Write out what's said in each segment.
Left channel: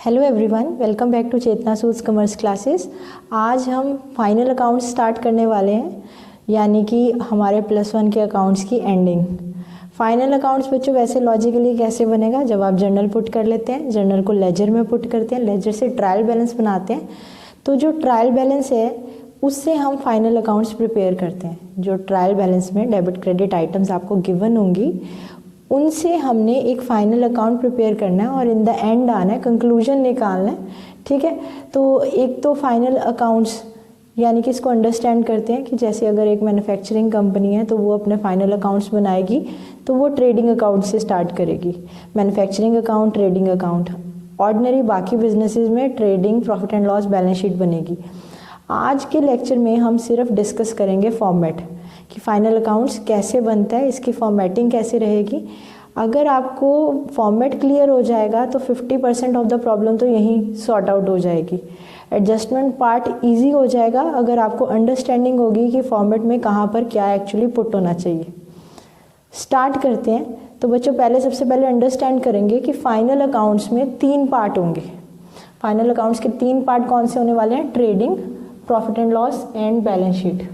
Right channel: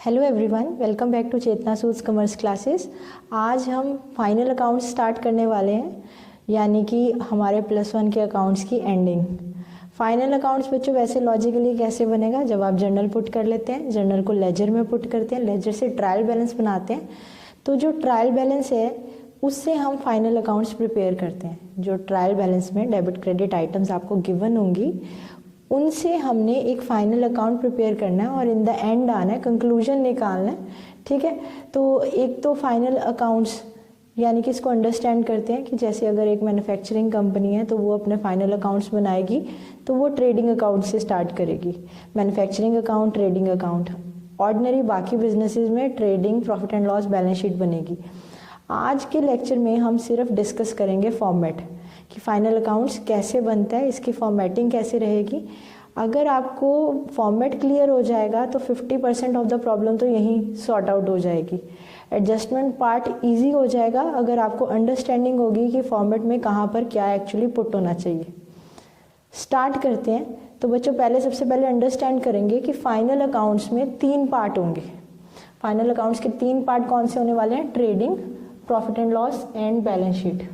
Hello everyone, welcome back to Chetna सूज commerce classes. आज हम फाइनल अकाउंट्स स्टार्ट करने वाले हैं, यानी कि हमारे +1 के अकाउंट्स की एंडिंग। फाइनल अकाउंट्स बच्चों वैसे लॉजिकली कैसे बनेगा, जब आप जर्नल पुट कर लेते हैं, जर्नल को लेजर में पुट करते हैं, लेजर से ट्रायल बैलेंस बनाते हैं, तो जो ट्रायल बैलेंस है उससे हम फाइनल अकाउंट्स प्रिपेयर करते हैं। जो ट्रायल बैलेंस में डेबिट क्रेडिट आइटम्स आपको गिवन होंगी उनसे हमने एक फाइनल अकाउंट प्रिपेयर करना है और इन द एंड आना है, कंक्लूजन निकालना है। ठीक है, तो एक तो फाइनल अकाउंट्स यानी कि इसको अंडरस्टैंड करते हैं कि जैसे अगर एक मैन्युफैक्चरिंग कंपनी है तो वो अपने फाइनल अकाउंट्स बनाएगी तो वो ट्रेडिंग अकाउंट से स्टार्ट करेगी। Manufacturing account, trading account. Ordinary बाकी बिजनेसेस में trading, profit and loss, balance sheet बनेगी। आज के लेक्चर में हम सिर्फ डिस्कस करेंगे फॉर्मेट कि फाइनल अकाउंट्स कैसे बनता है, इसकी फॉर्मेटिंग कैसे रहेगी। अगर आपको फॉर्मेट क्लियर हो जाएगा तो 50% ऑफ द प्रॉब्लम तो यहीं सॉर्ट आउट हो जाएगी। एडजस्टमेंट पार्ट इजी हो जाएगा अगर आपको अंडरस्टैंडिंग होगी कि फॉर्मेट में कहाँ पर क्या एक्चुअली पुट होना चाहिए। स्टार्ट करते हैं। तो बच्चों सबसे पहले अंडरस्टैंड करेंगे कि फाइनल अकाउंट्स में 3 पार्ट होंगे। फाइनल अकाउंट्स के 3 पार्ट कौन से होने वाले हैं? Trading, profit and loss and balance sheet.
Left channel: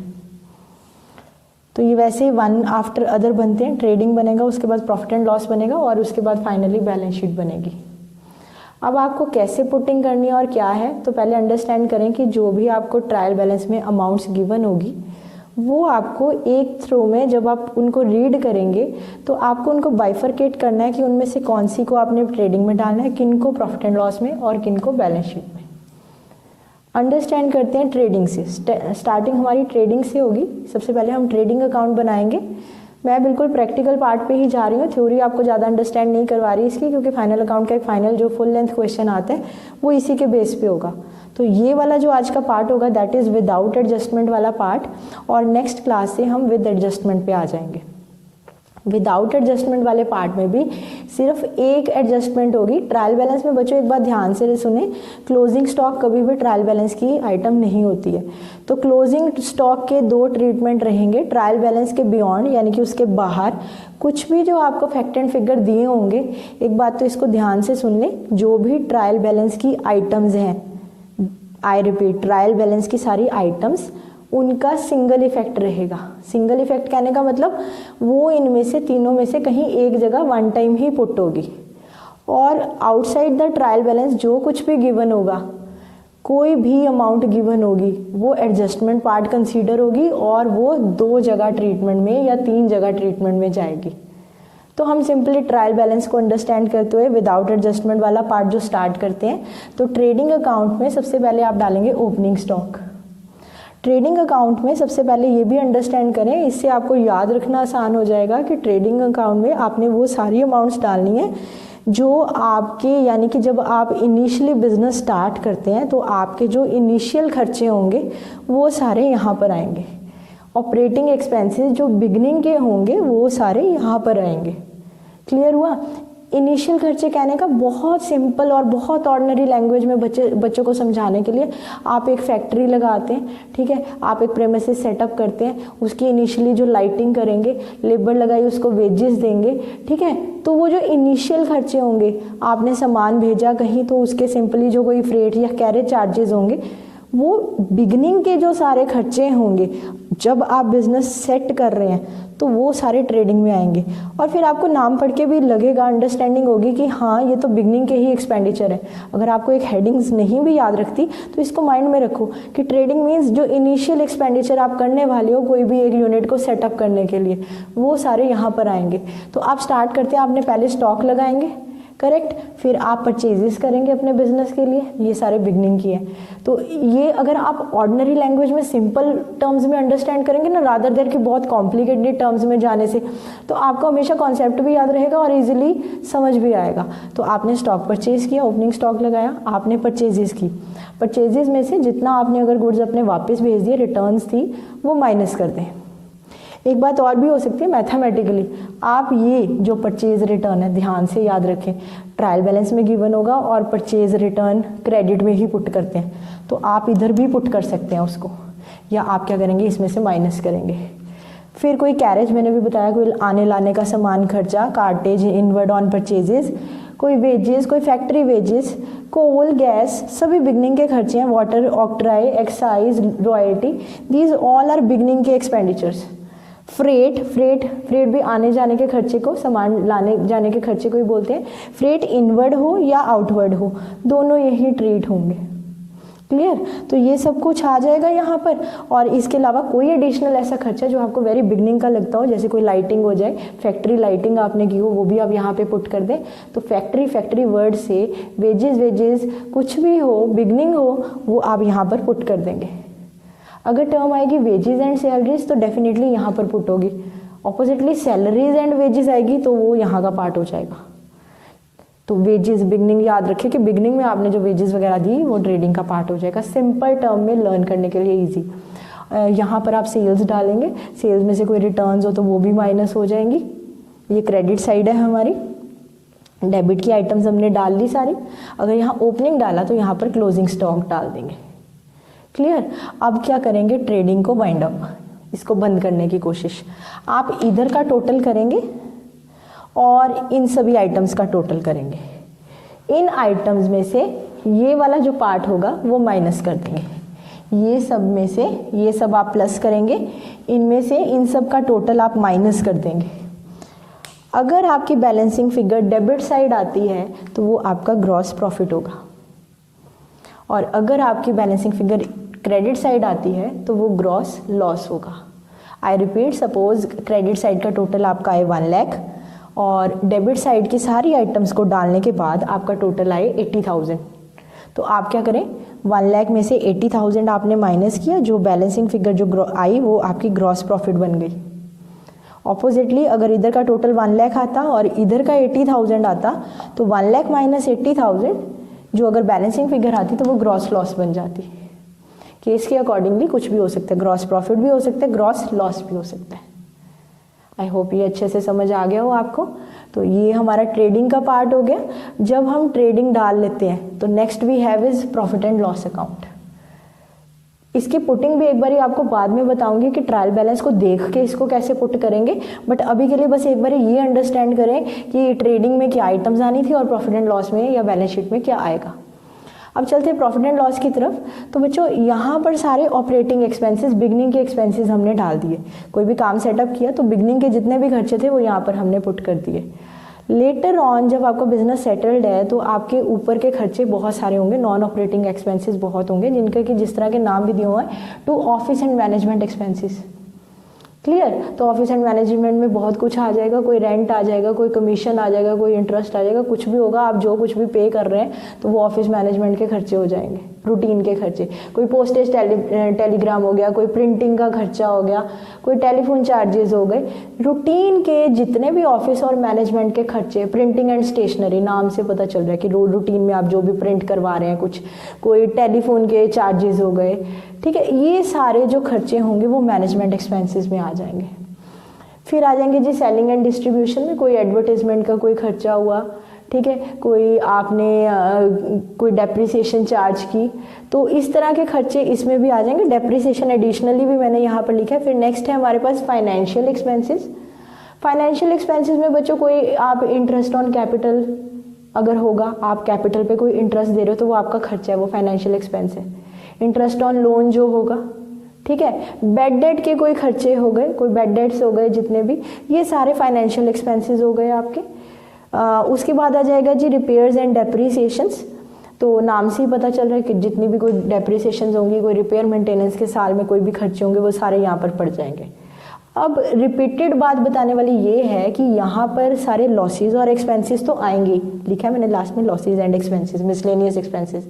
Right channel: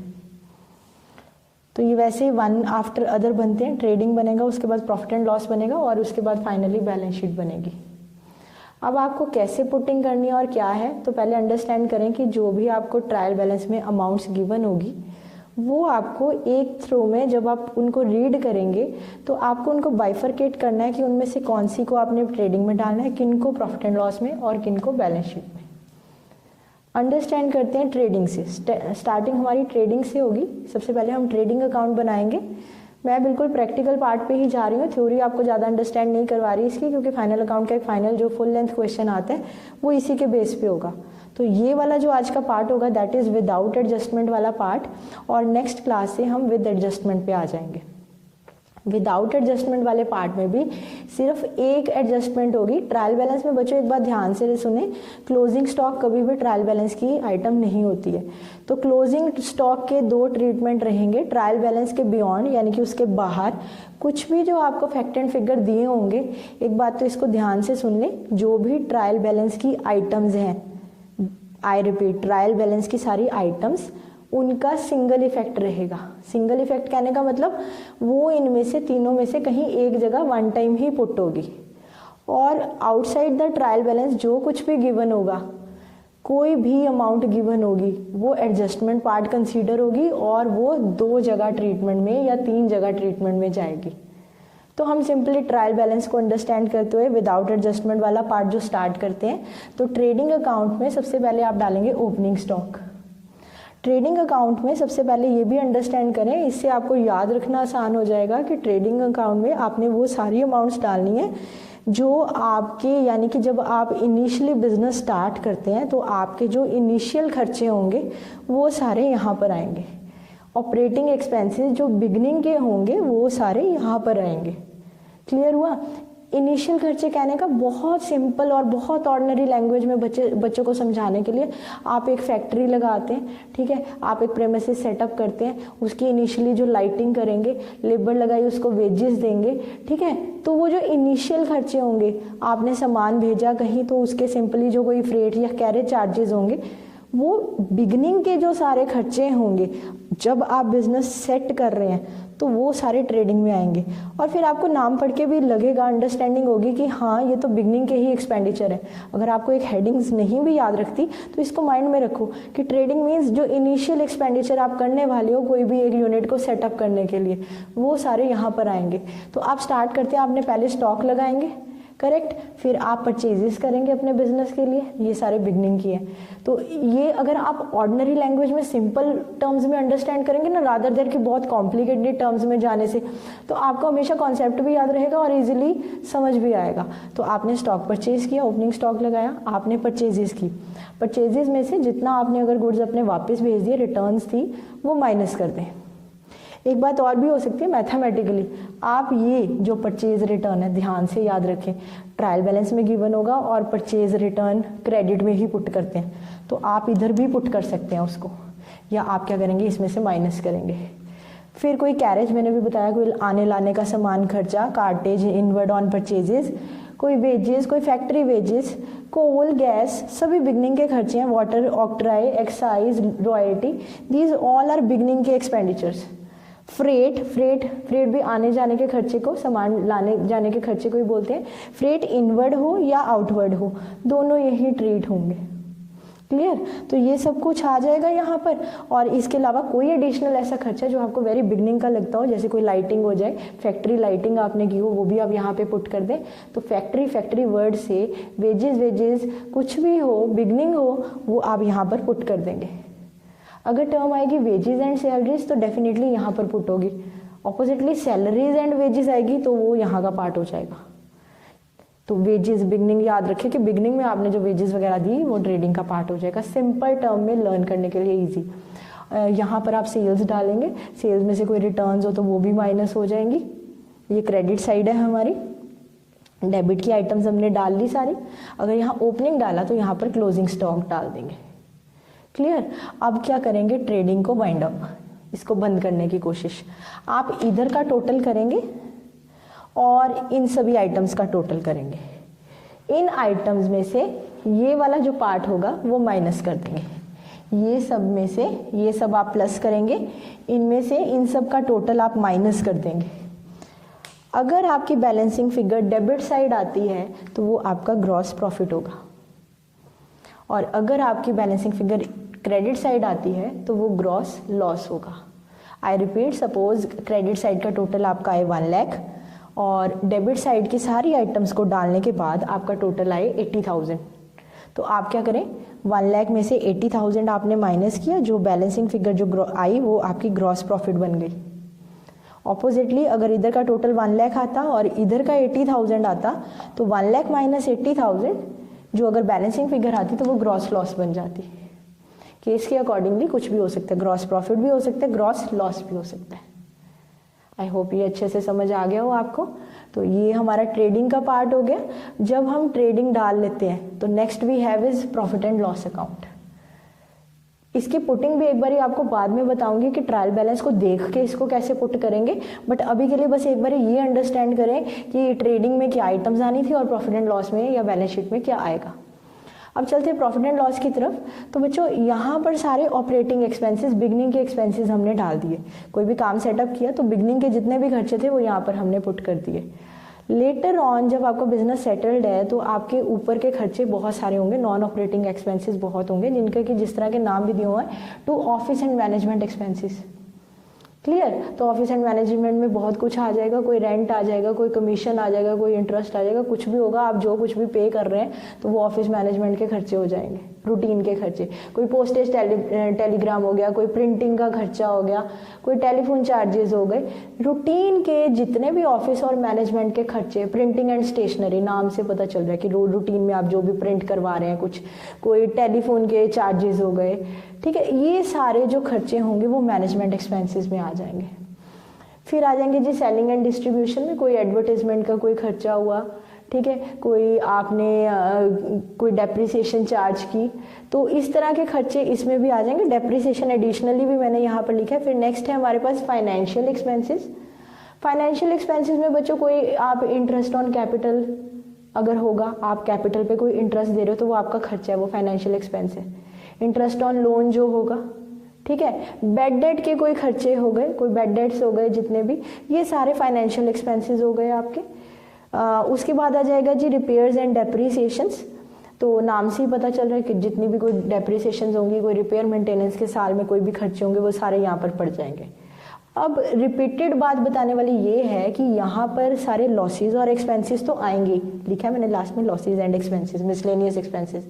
तो ये वैसे ही वन आफ्टर अदर बनते हैं। ट्रेडिंग बनेगा, उसके बाद प्रॉफिट एंड लॉस बनेगा और उसके बाद फाइनली बैलेंस शीट बनेगी। अब आपको कैसे पुटिंग करनी है और क्या है, तो पहले अंडरस्टैंड करें कि जो भी आपको ट्रायल बैलेंस में अमाउंट्स गिवन होगी वो आपको एक थ्रो में जब आप उनको रीड करेंगे तो आपको उनको बाइफरकेट करना है कि उनमें से कौन सी को आपने ट्रेडिंग में डालना है, किन को प्रॉफिट एंड लॉस में और किन को बैलेंस शीट में। अंडरस्टैंड करते हैं ट्रेडिंग से। स्टार्टिंग हमारी ट्रेडिंग से होगी। सबसे पहले हम ट्रेडिंग अकाउंट बनाएंगे। मैं बिल्कुल प्रैक्टिकल पार्ट पे ही जा रही हूँ, थ्योरी आपको ज़्यादा अंडरस्टैंड नहीं करवा रही इसकी, क्योंकि फाइनल अकाउंट का एक फाइनल जो फुल लेंथ क्वेश्चन आता है वो इसी के बेस पे होगा। तो ये वाला जो आज का पार्ट होगा दैट इज़ विदाउट एडजस्टमेंट वाला पार्ट, और नेक्स्ट क्लास से हम विद एडजस्टमेंट पे आ जाएंगे। विदाउट एडजस्टमेंट वाले पार्ट में भी सिर्फ एक एडजस्टमेंट होगी। ट्रायल बैलेंस में बच्चों एक बात ध्यान से सुने, क्लोजिंग स्टॉक कभी भी ट्रायल बैलेंस की आइटम नहीं होती है। तो क्लोजिंग स्टॉक के 2 ट्रीटमेंट रहेंगे। ट्रायल बैलेंस के बियॉन्ड यानी कि उसके बाहर कुछ भी जो आपको फैक्ट एंड फिगर दिए होंगे, एक बात तो इसको ध्यान से सुन लें, जो भी ट्रायल बैलेंस की आइटम्स हैं, आई रिपीट, ट्रायल बैलेंस की सारी आइटम्स, उनका सिंगल इफेक्ट रहेगा। सिंगल इफेक्ट कहने का मतलब वो इनमें से तीनों में से कहीं एक जगह वन टाइम ही पुट होगी, और आउटसाइड द ट्रायल बैलेंस जो कुछ भी गिवन होगा, कोई भी अमाउंट गिवन होगी, वो एडजस्टमेंट पार्ट कंसीडर होगी और वो 2 जगह ट्रीटमेंट में या 3 जगह ट्रीटमेंट में जाएगी। तो हम सिंपली ट्रायल बैलेंस को अंडरस्टैंड करते हुए विदाउट एडजस्टमेंट वाला पार्ट जो स्टार्ट करते हैं, तो ट्रेडिंग अकाउंट में सबसे पहले आप डालेंगे ओपनिंग स्टॉक। ट्रेडिंग अकाउंट में सबसे पहले ये भी अंडरस्टैंड करें, इससे आपको याद रखना आसान हो जाएगा कि ट्रेडिंग अकाउंट में आपने वो सारी अमाउंट्स डालनी है जो आपके, यानी कि जब आप इनिशियली बिजनेस स्टार्ट करते हैं तो आपके जो इनिशियल खर्चे होंगे वो सारे यहाँ पर आएंगे। ऑपरेटिंग एक्सपेंसेस जो बिगनिंग के होंगे वो सारे यहाँ पर आएंगे। क्लियर हुआ? इनिशियल खर्चे कहने का बहुत सिंपल और बहुत ऑर्डिनरी लैंग्वेज में बच्चों को समझाने के लिए, आप एक फैक्ट्री लगाते हैं, ठीक है, आप एक प्रेमिसेस सेटअप करते हैं, उसकी इनिशियली जो लाइटिंग करेंगे, लेबर लगाई, उसको वेजेस देंगे, ठीक है, तो वो जो इनिशियल खर्चे होंगे, आपने सामान भेजा कहीं तो उसके सिंपली जो कोई फ्रेट या कैरेज चार्जेस होंगे, वो बिगनिंग के जो सारे खर्चे होंगे, जब आप बिजनेस सेट कर रहे हैं तो वो सारे ट्रेडिंग में आएंगे। और फिर आपको नाम पढ़ के भी लगेगा, अंडरस्टैंडिंग होगी कि हाँ ये तो बिगनिंग के ही एक्सपेंडिचर है। अगर आपको एक हेडिंग्स नहीं भी याद रखती तो इसको माइंड में रखो कि ट्रेडिंग मीन्स जो इनिशियल एक्सपेंडिचर आप करने वाले हो कोई भी एक यूनिट को सेटअप करने के लिए, वो सारे यहाँ पर आएंगे। तो आप स्टार्ट करते हैं, आपने पहले स्टॉक लगाएंगे, करेक्ट, फिर आप परचेजेस करेंगे अपने बिजनेस के लिए, ये सारे बिगनिंग की है। तो ये अगर आप ऑर्डिनरी लैंग्वेज में सिंपल टर्म्स में अंडरस्टैंड करेंगे ना, रादर देर की बहुत कॉम्प्लिकेटेड टर्म्स में जाने से, तो आपको हमेशा कॉन्सेप्ट भी याद रहेगा और इजीली समझ भी आएगा। तो आपने स्टॉक परचेज किया, ओपनिंग स्टॉक लगाया, आपने परचेजेस की, परचेजेस में से जितना आपने अगर गुड्स अपने वापस भेज दिए, रिटर्न्स थी, वो माइनस कर दें। एक बात और भी हो सकती है, मैथमेटिकली आप ये जो परचेज रिटर्न है ध्यान से याद रखें, ट्रायल बैलेंस में गिवन होगा और परचेज रिटर्न क्रेडिट में ही पुट करते हैं, तो आप इधर भी पुट कर सकते हैं उसको, या आप क्या करेंगे इसमें से माइनस करेंगे। फिर कोई कैरेज, मैंने भी बताया, कोई आने लाने का सामान खर्चा, कार्टेज इनवर्ड ऑन परचेजेस, कोई वेजेस, कोई फैक्ट्री वेजेस, कोल, गैस, सभी बिगनिंग के खर्चे हैं, water, octroi, excise, royalty, these all are beginning के एक्सपेंडिचर्स। फ्रेट भी आने जाने के खर्चे को, सामान लाने जाने के खर्चे को ही बोलते हैं। फ्रेट इनवर्ड हो या आउटवर्ड हो, दोनों यही ट्रीट होंगे। क्लियर? तो ये सब कुछ आ जाएगा यहाँ पर। और इसके अलावा कोई एडिशनल ऐसा खर्चा जो आपको वेरी बिगनिंग का लगता हो, जैसे कोई लाइटिंग हो जाए, फैक्ट्री लाइटिंग आपने की हो, वो भी आप यहाँ पे पुट कर दें। तो फैक्ट्री वर्ड से वेजेस कुछ भी हो, बिगनिंग हो, वो आप यहाँ पर पुट कर देंगे। अगर टर्म आएगी वेजेस एंड सैलरीज तो डेफिनेटली यहाँ पर पुट होगी। ऑपोजिटली सैलरीज एंड वेजेस आएगी तो वो यहाँ का पार्ट हो जाएगा। तो वेजेस, बिगनिंग याद रखिए कि बिगनिंग में आपने जो वेजेस वगैरह दी वो ट्रेडिंग का पार्ट हो जाएगा। सिंपल टर्म में लर्न करने के लिए इजी। यहाँ पर आप सेल्स डालेंगे, सेल्स में से कोई रिटर्न्स हो तो वो भी माइनस हो जाएंगी। ये क्रेडिट साइड है हमारी। डेबिट की आइटम्स हमने डाल दी सारी। अगर यहाँ ओपनिंग डाला तो यहाँ पर क्लोजिंग स्टॉक डाल देंगे। क्लियर? अब क्या करेंगे, ट्रेडिंग को वाइंड अप, इसको बंद करने की कोशिश। आप इधर का टोटल करेंगे और इन सभी आइटम्स का टोटल करेंगे। इन आइटम्स में से ये वाला जो पार्ट होगा वो माइनस कर देंगे। ये सब में से ये सब आप प्लस करेंगे, इनमें से इन सब का टोटल आप माइनस कर देंगे। अगर आपकी बैलेंसिंग फिगर डेबिट साइड आती है तो वो आपका ग्रॉस प्रॉफिट होगा, और अगर आपकी बैलेंसिंग फिगर क्रेडिट साइड आती है तो वो ग्रॉस लॉस होगा। I repeat, suppose credit side का टोटल आपका आए 1 लाख और डेबिट साइड की सारी आइटम्स को डालने के बाद आपका टोटल आए 80,000। तो आप क्या करें, 1 लाख में से 80,000 आपने माइनस किया, जो बैलेंसिंग फिगर जो आई वो आपकी ग्रॉस प्रॉफिट बन गई। ऑपोजिटली अगर इधर का टोटल 1 लाख आता और इधर का 80,000 आता तो 1 लाख माइनस 80,000 जो अगर बैलेंसिंग फिगर आती तो वो ग्रॉस लॉस बन जाती। केस के अकॉर्डिंगली कुछ भी हो सकता है, ग्रॉस प्रॉफिट भी हो सकता है, ग्रॉस लॉस भी हो सकता है। आई होप ये अच्छे से समझ आ गया हो आपको। तो ये हमारा ट्रेडिंग का पार्ट हो गया। जब हम ट्रेडिंग डाल लेते हैं तो next we have is profit and loss account. इसकी पुटिंग भी एक बार आपको बाद में बताऊंगी कि ट्रायल बैलेंस को देख के इसको कैसे पुट करेंगे, बट अभी के लिए बस एक बार ये अंडरस्टैंड करें कि ट्रेडिंग में क्या आइटम्स आनी थी और प्रॉफिट एंड लॉस में या बैलेंस शीट में क्या आएगा। अब चलते हैं प्रॉफिट एंड लॉस की तरफ। तो बच्चों यहाँ पर सारे ऑपरेटिंग एक्सपेंसेस, बिगनिंग के एक्सपेंसेस हमने डाल दिए। कोई भी काम सेटअप किया तो बिगनिंग के जितने भी खर्चे थे वो यहाँ पर हमने पुट कर दिए। लेटर ऑन जब आपका बिजनेस सेटल्ड है तो आपके ऊपर के खर्चे बहुत सारे होंगे, नॉन ऑपरेटिंग एक्सपेंसेस बहुत होंगे, जिनके कि जिस तरह के नाम भी दिए हुए हैं, to office and management expenses. Clear? तो ऑफिस एंड मैनेजमेंट में बहुत कुछ आ जाएगा, कोई रेंट आ जाएगा, कोई कमीशन आ जाएगा, कोई इंटरेस्ट आ जाएगा, कुछ भी होगा। आप जो कुछ भी पे कर रहे हैं तो वो ऑफिस मैनेजमेंट के खर्चे हो जाएंगे, रूटीन के खर्चे। कोई पोस्टेज टेलीग्राम हो गया, कोई प्रिंटिंग का खर्चा हो गया, कोई टेलीफोन चार्जेस हो गए। रूटीन के जितने भी ऑफिस और मैनेजमेंट के खर्चे, प्रिंटिंग एंड स्टेशनरी, नाम से पता चल रहा है कि रूटीन में आप जो भी प्रिंट करवा रहे हैं कुछ, कोई टेलीफोन के चार्जेस हो गए, ठीक है, ये सारे जो खर्चे होंगे वो मैनेजमेंट एक्सपेंसेस में आ जाएंगे। फिर आ जाएंगे जी सेलिंग एंड डिस्ट्रीब्यूशन में, कोई एडवर्टाइजमेंट का कोई खर्चा हुआ, ठीक है, कोई आपने कोई डेप्रिसिएशन चार्ज की, तो इस तरह के खर्चे इसमें भी आ जाएंगे। डेप्रिसिएशन एडिशनली भी मैंने यहाँ पर लिखा है। फिर नेक्स्ट है हमारे पास फाइनेंशियल एक्सपेंसेस। फाइनेंशियल एक्सपेंसेस में बच्चों कोई आप इंटरेस्ट ऑन कैपिटल अगर होगा, आप कैपिटल पे कोई इंटरेस्ट दे रहे हो तो वो आपका खर्चा है, वो फाइनेंशियल एक्सपेंस है। इंटरेस्ट ऑन लोन जो होगा, ठीक है, बेड डेट के कोई खर्चे हो गए, कोई बेड डेट्स हो गए जितने भी, ये सारे फाइनेंशियल एक्सपेंसेस हो गए आपके। उसके बाद आ जाएगा जी रिपेयर्स एंड डेप्रिसिएशंस। तो नाम से ही पता चल रहा है कि जितनी भी कोई डेप्रिसिएशंस होंगी, कोई रिपेयर मेंटेनेंस के साल में कोई भी खर्चे होंगे वो सारे यहाँ पर पड़ जाएंगे। अब रिपीटेड बात बताने वाली ये है कि यहाँ पर सारे लॉसेज और एक्सपेंसेस तो आएंगे, लिखा है मैंने लास्ट में losses and expenses, miscellaneous expenses.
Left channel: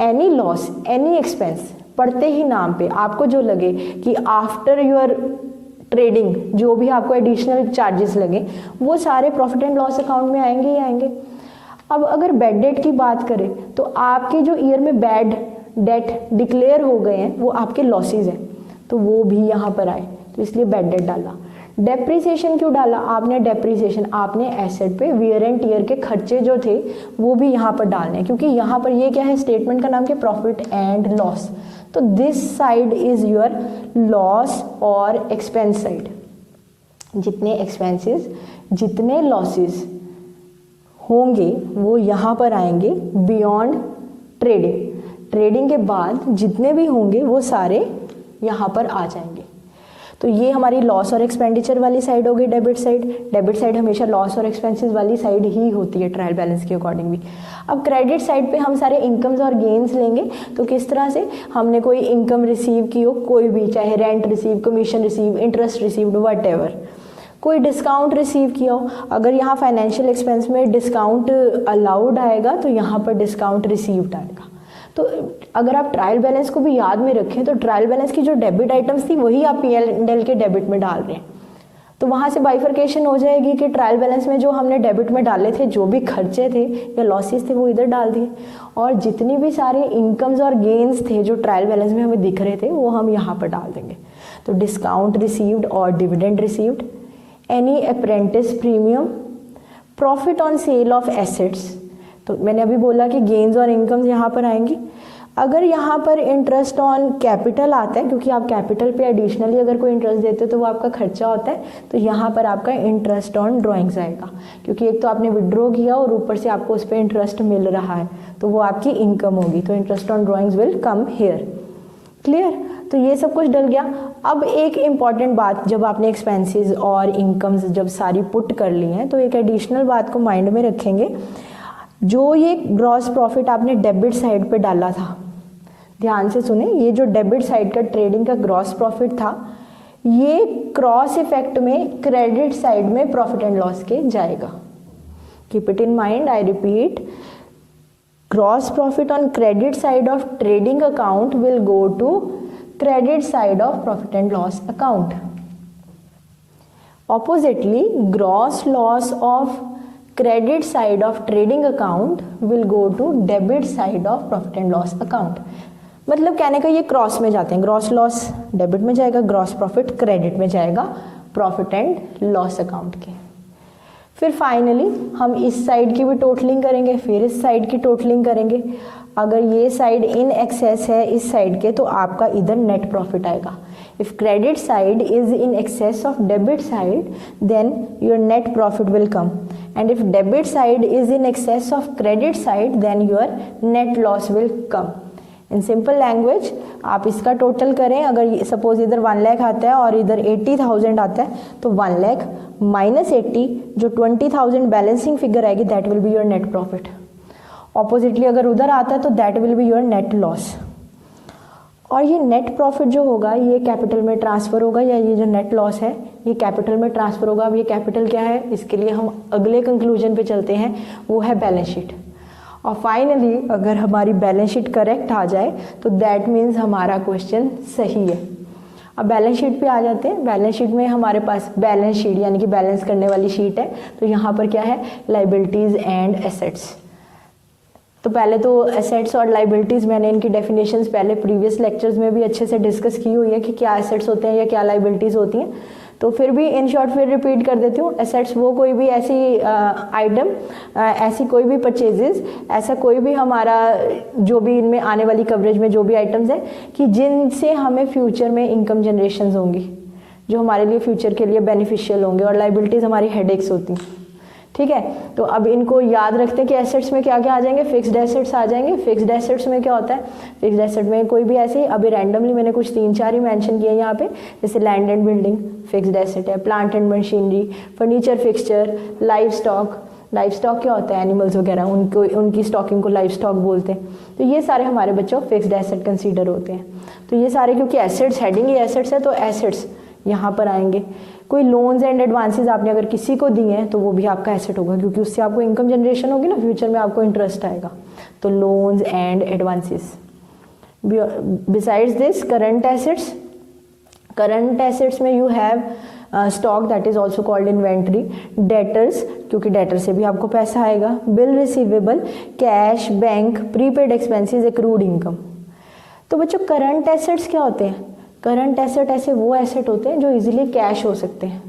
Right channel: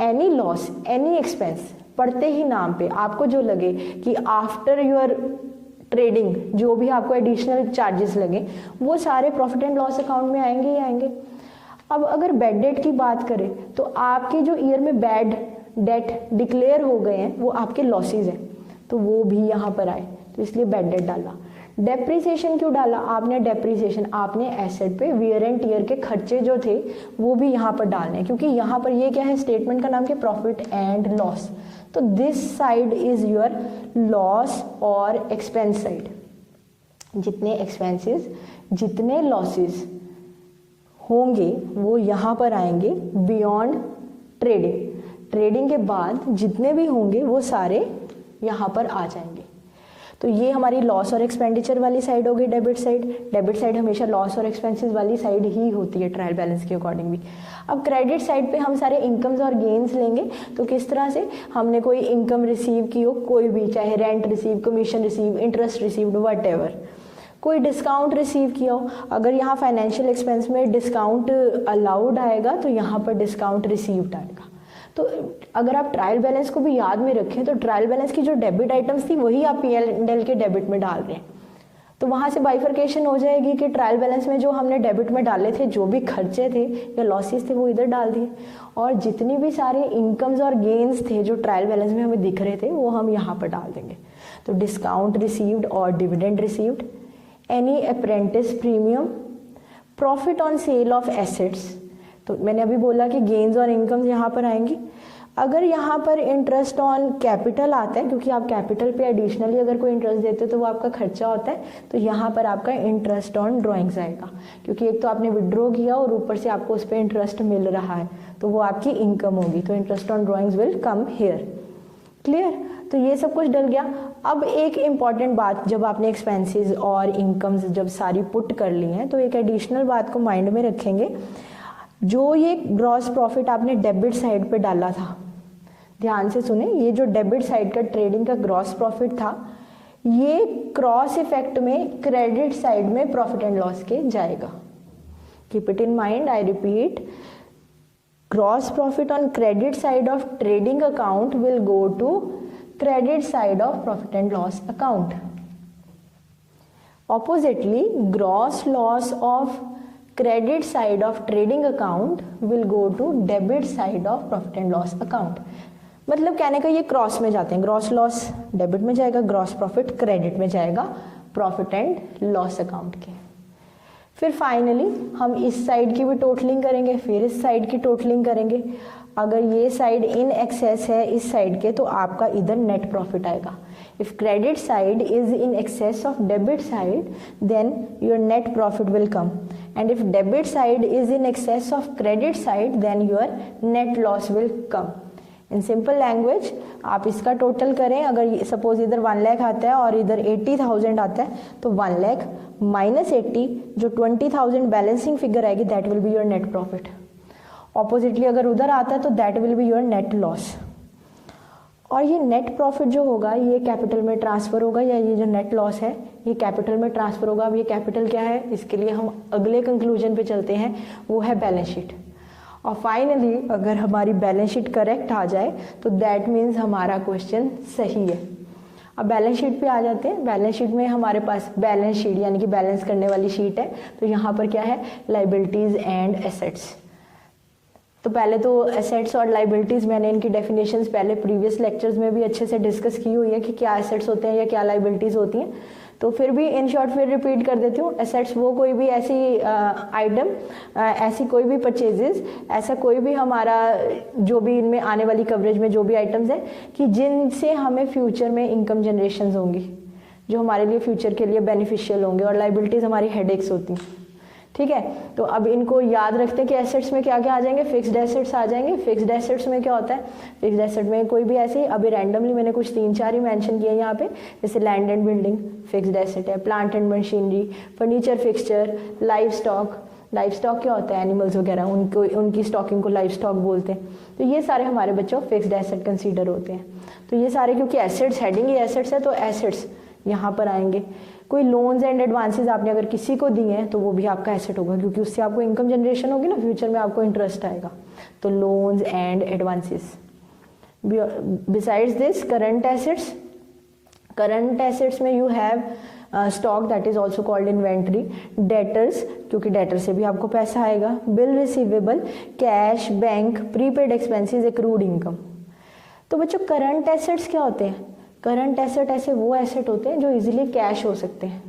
Any loss, any expense पढ़ते ही नाम पे आपको जो लगे कि आफ्टर योर ट्रेडिंग जो भी आपको एडिशनल चार्जेस लगे वो सारे प्रॉफिट एंड लॉस अकाउंट में आएंगे ही आएंगे। अब अगर बैड डेट की बात करें तो आपके जो ईयर में बैड डेट डिक्लेयर हो गए हैं वो आपके लॉसेज हैं, तो वो भी यहाँ पर आए, तो इसलिए बैड डेट डाला। डेप्रिसिएशन क्यों डाला आपने? डेप्रिसिएशन आपने एसेट पे वियर एंड टियर के खर्चे जो थे वो भी यहाँ पर डालने, क्योंकि यहाँ पर ये क्या है, स्टेटमेंट का नाम क्या, प्रॉफिट एंड लॉस। तो this side is your loss और एक्सपेंस साइड। जितने एक्सपेंसेस, जितने लॉसेस होंगे वो यहाँ पर आएंगे बियॉन्ड ट्रेडिंग। ट्रेडिंग के बाद जितने भी होंगे वो सारे यहाँ पर आ जाएंगे। तो ये हमारी लॉस और एक्सपेंडिचर वाली साइड होगी डेबिट साइड। डेबिट साइड हमेशा लॉस और एक्सपेंसेस वाली साइड ही होती है ट्रायल बैलेंस के अकॉर्डिंग भी। अब क्रेडिट साइड पे हम सारे इनकम्स और गेन्स लेंगे। तो किस तरह से, हमने कोई इनकम रिसीव की हो, कोई भी, चाहे rent receive, commission receive, interest received, whatever, कोई डिस्काउंट रिसीव किया हो, अगर यहाँ फाइनेंशियल एक्सपेंस में डिस्काउंट अलाउड आएगा तो यहाँ पर डिस्काउंट रिसीव्ड आएगा। तो अगर आप ट्रायल बैलेंस को भी याद में रखें तो ट्रायल बैलेंस की जो डेबिट आइटम्स थी वही आप P&L के डेबिट में डाल रहे हैं। तो वहाँ से बाइफर्केशन हो जाएगी कि ट्रायल बैलेंस में जो हमने डेबिट में डाले थे, जो भी खर्चे थे या लॉसेस थे, वो इधर डाल दिए, और जितनी भी सारी इनकम्स और गेन्स थे जो ट्रायल बैलेंस में हमें दिख रहे थे वो हम यहाँ पर डाल देंगे। तो डिस्काउंट रिसीव्ड और dividend received, any apprentice premium, profit on sale of assets. तो मैंने अभी बोला कि गेन्स और इनकम्स यहाँ पर आएंगी। अगर यहाँ पर इंटरेस्ट ऑन कैपिटल आता है, क्योंकि आप कैपिटल पे एडिशनली अगर कोई इंटरेस्ट देते हो तो वो आपका खर्चा होता है, तो यहाँ पर आपका इंटरेस्ट ऑन ड्राइंग्स आएगा, क्योंकि एक तो आपने विड्रॉ किया और ऊपर से आपको उस पर इंटरेस्ट मिल रहा है, तो वो आपकी इनकम होगी। तो interest on drawings will come here. Clear? तो ये सब कुछ डल गया। अब एक इम्पॉर्टेंट बात, जब आपने एक्सपेंसेस और इनकम्स जब सारी पुट कर ली हैं, तो एक एडिशनल बात को माइंड में रखेंगे। जो ये ग्रॉस प्रॉफिट आपने डेबिट साइड पे डाला था, ध्यान से सुने, ये जो डेबिट साइड का ट्रेडिंग का ग्रॉस प्रॉफिट था, ये क्रॉस इफेक्ट में क्रेडिट साइड में प्रॉफिट एंड लॉस के जाएगा। Keep it in mind, I repeat, gross profit on credit side of trading account will go to credit side of profit and loss account. Oppositely, gross loss of credit side of trading account will go to debit side of profit and loss account। मतलब कहने का ये cross में जाते हैं, gross loss debit में जाएगा, gross profit credit में जाएगा प्रॉफिट एंड लॉस अकाउंट के। फिर फाइनली हम इस साइड की भी टोटलिंग करेंगे, फिर इस साइड की टोटलिंग करेंगे। अगर ये साइड इन एक्सेस है इस साइड के, तो आपका इधर नेट प्रॉफिट आएगा। If credit side is in excess of debit side, then your net profit will come. And if debit side is in excess of credit side, then your net loss will come. In simple language, आप इसका total करें, अगर suppose इधर 1 लाख आता है और इधर 80,000 आता है, तो 1 लाख माइनस 80, जो 20,000 बैलेंसिंग फिगर आएगी, that will be your net profit. Oppositely अगर उधर आता है तो that will be your net loss. और ये नेट प्रॉफिट जो होगा ये कैपिटल में ट्रांसफ़र होगा, या ये जो नेट लॉस है ये कैपिटल में ट्रांसफ़र होगा। अब ये कैपिटल क्या है, इसके लिए हम अगले कंक्लूजन पे चलते हैं, वो है बैलेंस शीट। और फाइनली अगर हमारी बैलेंस शीट करेक्ट आ जाए तो दैट मीन्स हमारा क्वेश्चन सही है। अब बैलेंस शीट पे आ जाते हैं। बैलेंस शीट में हमारे पास बैलेंस शीट यानी कि बैलेंस करने वाली शीट है। तो यहाँ पर क्या है, लाइबिलिटीज़ एंड एसेट्स। तो पहले तो एसेट्स और लाइबिलिटीज़ मैंने इनकी डेफिनेशंस पहले प्रीवियस लेक्चर्स में भी अच्छे से डिस्कस की हुई है कि क्या एसेट्स होते हैं या क्या लाइबिलिटीज़ होती हैं। तो फिर भी इन शॉर्ट फिर रिपीट कर देती हूँ। एसेट्स वो कोई भी ऐसी आइटम, ऐसी कोई भी परचेजेस, ऐसा कोई भी हमारा जो भी इनमें आने वाली कवरेज में जो भी आइटम्स हैं कि जिनसे हमें फ्यूचर में इनकम जनरेशंस होंगी, जो हमारे लिए फ्यूचर के लिए बेनिफिशियल होंगे। और लाइबिलिटीज़ हमारी हेडेक्स होती हैं। ठीक है, तो अब इनको याद रखते हैं कि एसेट्स में क्या क्या आ जाएंगे, फिक्स्ड एसेट्स आ जाएंगे। फिक्स्ड एसेट्स में क्या होता है, फिक्स्ड एसेट में कोई भी ऐसी, अभी रैंडमली मैंने कुछ 3-4 ही मेंशन किए यहाँ पे, जैसे land and building fixed asset है, plant and machinery, furniture fixture, livestock. Livestock क्या होता है, एनिमल्स वगैरह, उनको उनकी स्टॉकिंग को लाइव स्टॉक बोलते हैं। तो ये सारे हमारे बच्चों फिक्स्ड एसेट कंसीडर होते हैं। तो ये सारे क्योंकि एसेट्स हेडिंग ही एसेट्स है, तो एसेट्स यहाँ पर आएंगे। कोई लोन्स एंड एडवांसेस आपने अगर किसी को दिए हैं तो वो भी आपका एसेट होगा, क्योंकि उससे आपको इनकम जनरेशन होगी ना, फ्यूचर में आपको इंटरेस्ट आएगा। तो loans and advances. Besides this current assets, current assets में you have stock that is also called inventory, debtors क्योंकि डेटर से भी आपको पैसा आएगा, bill receivable, cash, bank, prepaid expenses, accrued income. तो बच्चों करंट एसेट्स क्या होते हैं, करंट एसेट ऐसे वो एसेट होते हैं जो इजीली कैश हो सकते हैं।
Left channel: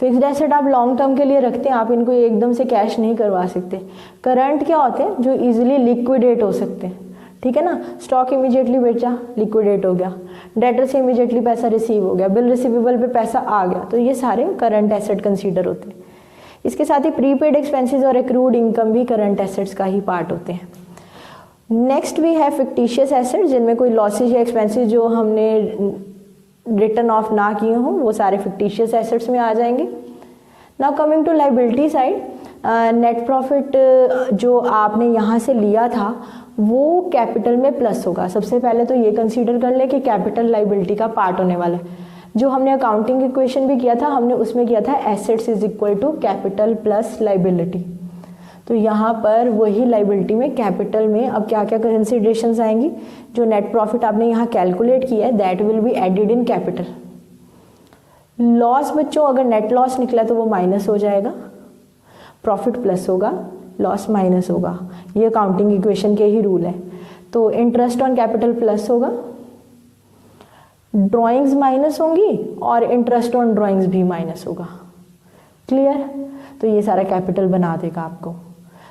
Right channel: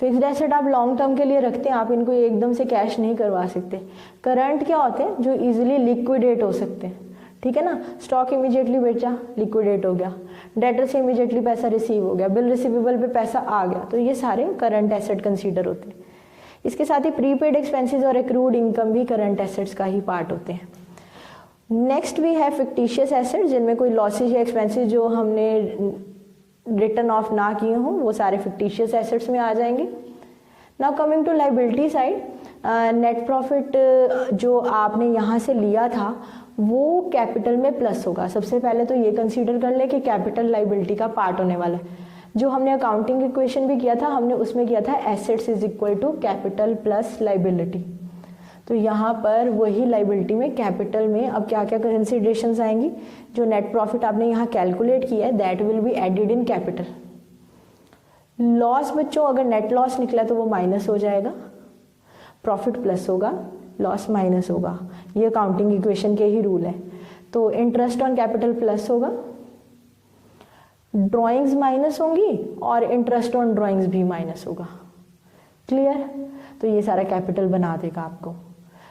फिक्स्ड एसेट आप लॉन्ग टर्म के लिए रखते हैं, आप इनको एकदम से कैश नहीं करवा सकते। करंट क्या होते हैं, जो इजीली लिक्विडेट हो सकते हैं। ठीक है ना, स्टॉक इमीडिएटली बेचा, लिक्विडेट हो गया, डेटर से इमीडिएटली पैसा रिसीव हो गया, बिल रिसीवेबल पे पैसा आ गया, तो ये सारे करंट एसेट कंसीडर होते हैं। इसके साथ ही प्रीपेड एक्सपेंसेस और एक्रूड इनकम भी करंट एसेट्स का ही पार्ट होते हैं। नेक्स्ट वी है फिक्टिशियस एसेट्स, जिनमें कोई लॉसेज या एक्सपेंसेस जो हमने रिटर्न ऑफ ना किए हों वो सारे फिक्टिशियस एसेट्स में आ जाएंगे। Now coming to liability side, net profit जो आपने यहाँ से लिया था वो कैपिटल में प्लस होगा। सबसे पहले तो ये कंसीडर कर ले कि कैपिटल लाइबिलिटी का पार्ट होने वाला है। जो हमने अकाउंटिंग इक्वेशन भी किया था, हमने उसमें किया था assets is equal to capital plus liability. तो यहाँ पर वही लाइबिलिटी में कैपिटल में अब क्या क्या कंसिडरेशंस आएंगी, जो नेट प्रॉफिट आपने यहाँ कैलकुलेट किया है that will be added in capital. Loss बच्चों अगर नेट लॉस निकला तो वो माइनस हो जाएगा, प्रॉफिट प्लस होगा, लॉस माइनस होगा। ये अकाउंटिंग इक्वेशन के ही रूल है। तो इंटरेस्ट ऑन कैपिटल प्लस होगा, ड्राइंग्स माइनस होंगी और इंटरेस्ट ऑन ड्राइंग्स भी माइनस होगा। क्लियर? तो ये सारा कैपिटल बना देगा आपको।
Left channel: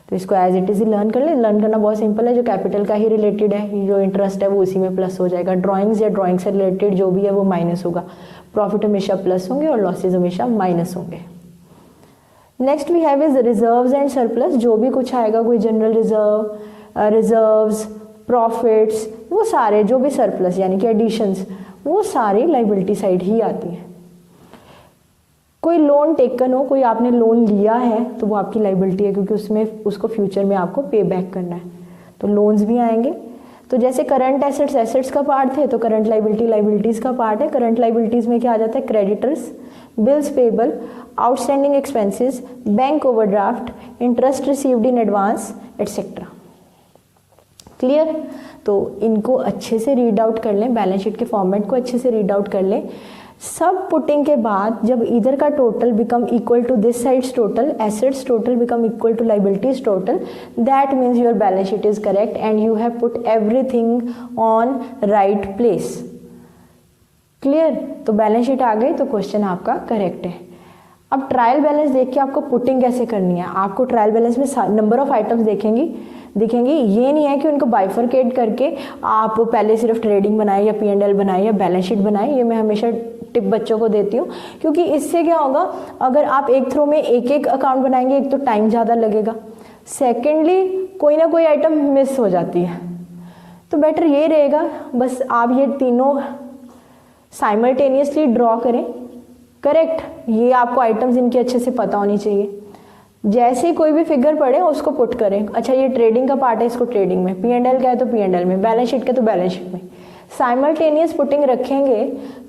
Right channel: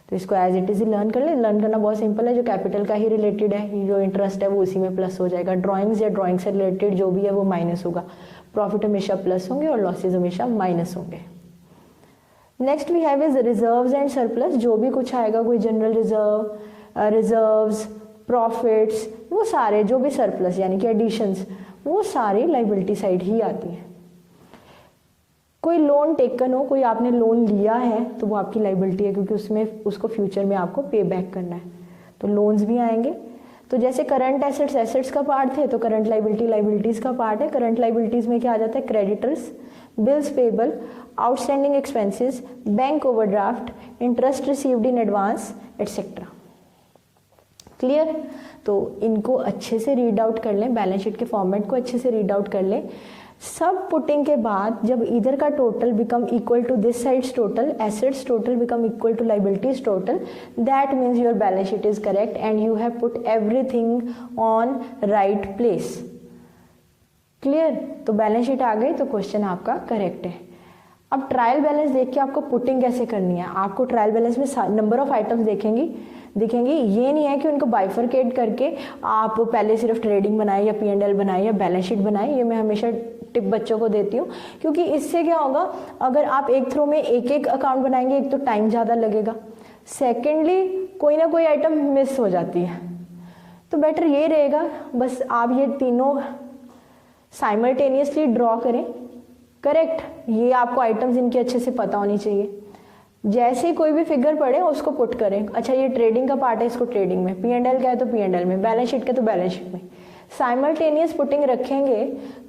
तो इसको एज इट इज ही लर्न कर ले। लर्न करना बहुत सिंपल है, जो कैपिटल का ही रिलेटेड है, जो इंटरेस्ट है वो उसी में प्लस हो जाएगा। ड्राइंग्स या ड्राइंग से रिलेटेड जो भी है वो माइनस होगा। प्रॉफिट हमेशा प्लस होंगे और लॉसेज हमेशा माइनस होंगे। Next we have is reserves and surplus. जो भी कुछ आएगा, कोई जनरल रिजर्व, रिजर्व्स, प्रॉफिट्स, वो सारे जो भी सरप्लस यानी कि एडिशंस, वो सारी लाइबिलिटी साइड ही आती है। कोई लोन टेकन हो, कोई आपने लोन लिया है तो वो आपकी लाइबिलिटी है, क्योंकि उसमें उसको फ्यूचर में आपको पे बैक करना है। तो लोन्स भी आएंगे। तो जैसे करंट एसेट्स एसेट्स का पार्ट थे, तो करंट लाइबिलिटी लाइबिलिटीज का पार्ट है। करंट लाइबिलिटीज में क्या आ जाता है? Creditors, bills payable, outstanding expenses, bank overdraft, interest received in advance etcetera. Clear? तो इनको अच्छे से रीड आउट कर लें, बैलेंस शीट के फॉर्मेट को अच्छे से रीड आउट कर लें। सब पुटिंग के बाद जब इधर का total become equal to this side's total, assets total become equal to liabilities total, that means your balance sheet is correct and you have put everything on right place. Clear? तो balance sheet आ गई तो question आपका correct है। अब trial balance देख के आपको पुटिंग कैसे करनी है। आपको ट्रायल बैलेंस में नंबर ऑफ आइटम्स दिखेंगी। ये नहीं है कि उनको बाइफरकेट करके आप पहले सिर्फ ट्रेडिंग बनाए या P&L बनाए या बैलेंस शीट बनाए। ये मैं हमेशा टिप बच्चों को देती हूँ, क्योंकि इससे क्या होगा, अगर आप एक थ्रो में एक एक अकाउंट बनाएंगे, एक तो टाइम ज़्यादा लगेगा, सेकेंडली कोई ना कोई आइटम मिस हो जाती है। तो बेटर ये रहेगा बस आप ये तीनों साइमल्टेनियसली ड्रॉ करें। करेक्ट? ये आपको आइटम्स इनकी अच्छे से पता होनी चाहिए। जैसे ही कोई भी फिगर पड़े उसको पुट करें। अच्छा ये ट्रेडिंग का पार्ट है, इसको ट्रेडिंग में, P&L का है तो P&L में, बैलेंस शीट का तो बैलेंस शीट में। साइमल्टेनियस पुटिंग रखेंगे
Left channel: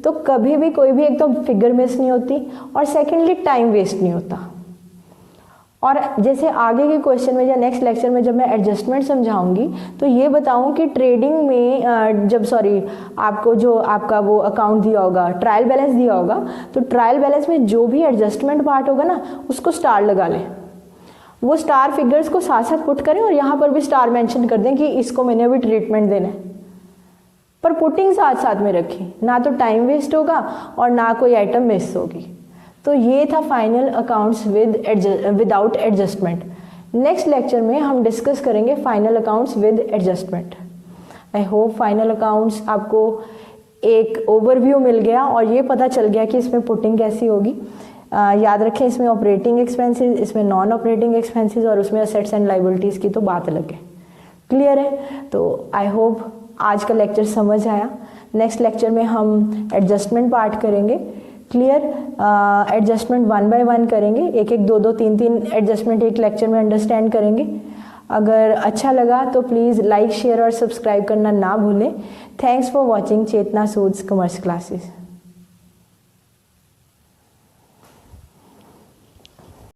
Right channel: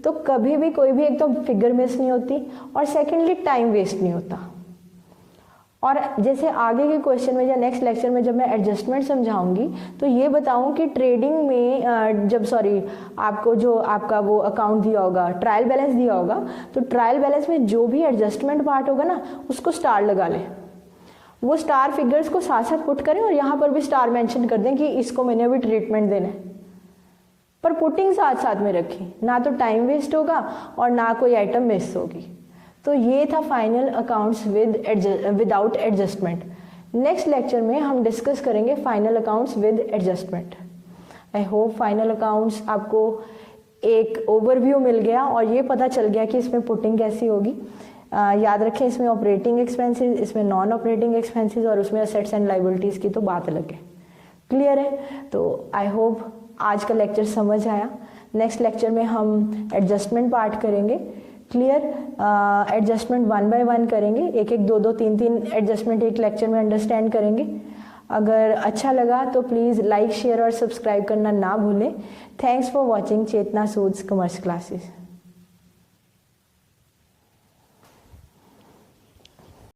तो कभी भी कोई भी एकदम फिगर मिस नहीं होती और सेकेंडली टाइम वेस्ट नहीं होता। और जैसे आगे के क्वेश्चन में या नेक्स्ट लेक्चर में जब मैं एडजस्टमेंट समझाऊंगी तो ये बताऊं कि ट्रेडिंग में आपको जो आपका वो अकाउंट दिया होगा, ट्रायल बैलेंस दिया होगा, तो ट्रायल बैलेंस में जो भी एडजस्टमेंट पार्ट होगा ना उसको स्टार लगा लें। वो स्टार फिगर्स को साथ साथ पुट करें और यहाँ पर भी स्टार मेंशन कर दें कि इसको मैंने अभी ट्रीटमेंट देना है, पर पुटिंग साथ साथ में रखें, ना तो टाइम वेस्ट होगा और ना कोई आइटम मिस होगी। तो ये था final accounts without adjustment. Next lecture में हम डिस्कस करेंगे final accounts with adjustment. I hope final accounts आपको एक ओवरव्यू मिल गया और ये पता चल गया कि इसमें पुटिंग कैसी होगी। याद रखें इसमें ऑपरेटिंग एक्सपेंसेस, इसमें नॉन ऑपरेटिंग एक्सपेंसेस और उसमें असेट्स एंड लाइबिलिटीज़ की तो बात अलग है। क्लियर है? तो आई होप आज का लेक्चर समझ आया। नेक्स्ट लेक्चर में हम एडजस्टमेंट पार्ट करेंगे। क्लियर? एडजस्टमेंट 1 बाय 1 करेंगे, एक एक दो 3 एडजस्टमेंट एक लेक्चर में अंडरस्टैंड करेंगे। अगर अच्छा लगा तो प्लीज़ लाइक, शेयर और सब्सक्राइब करना ना भूलें। Thanks for watching Chetna Sood's commerce classes.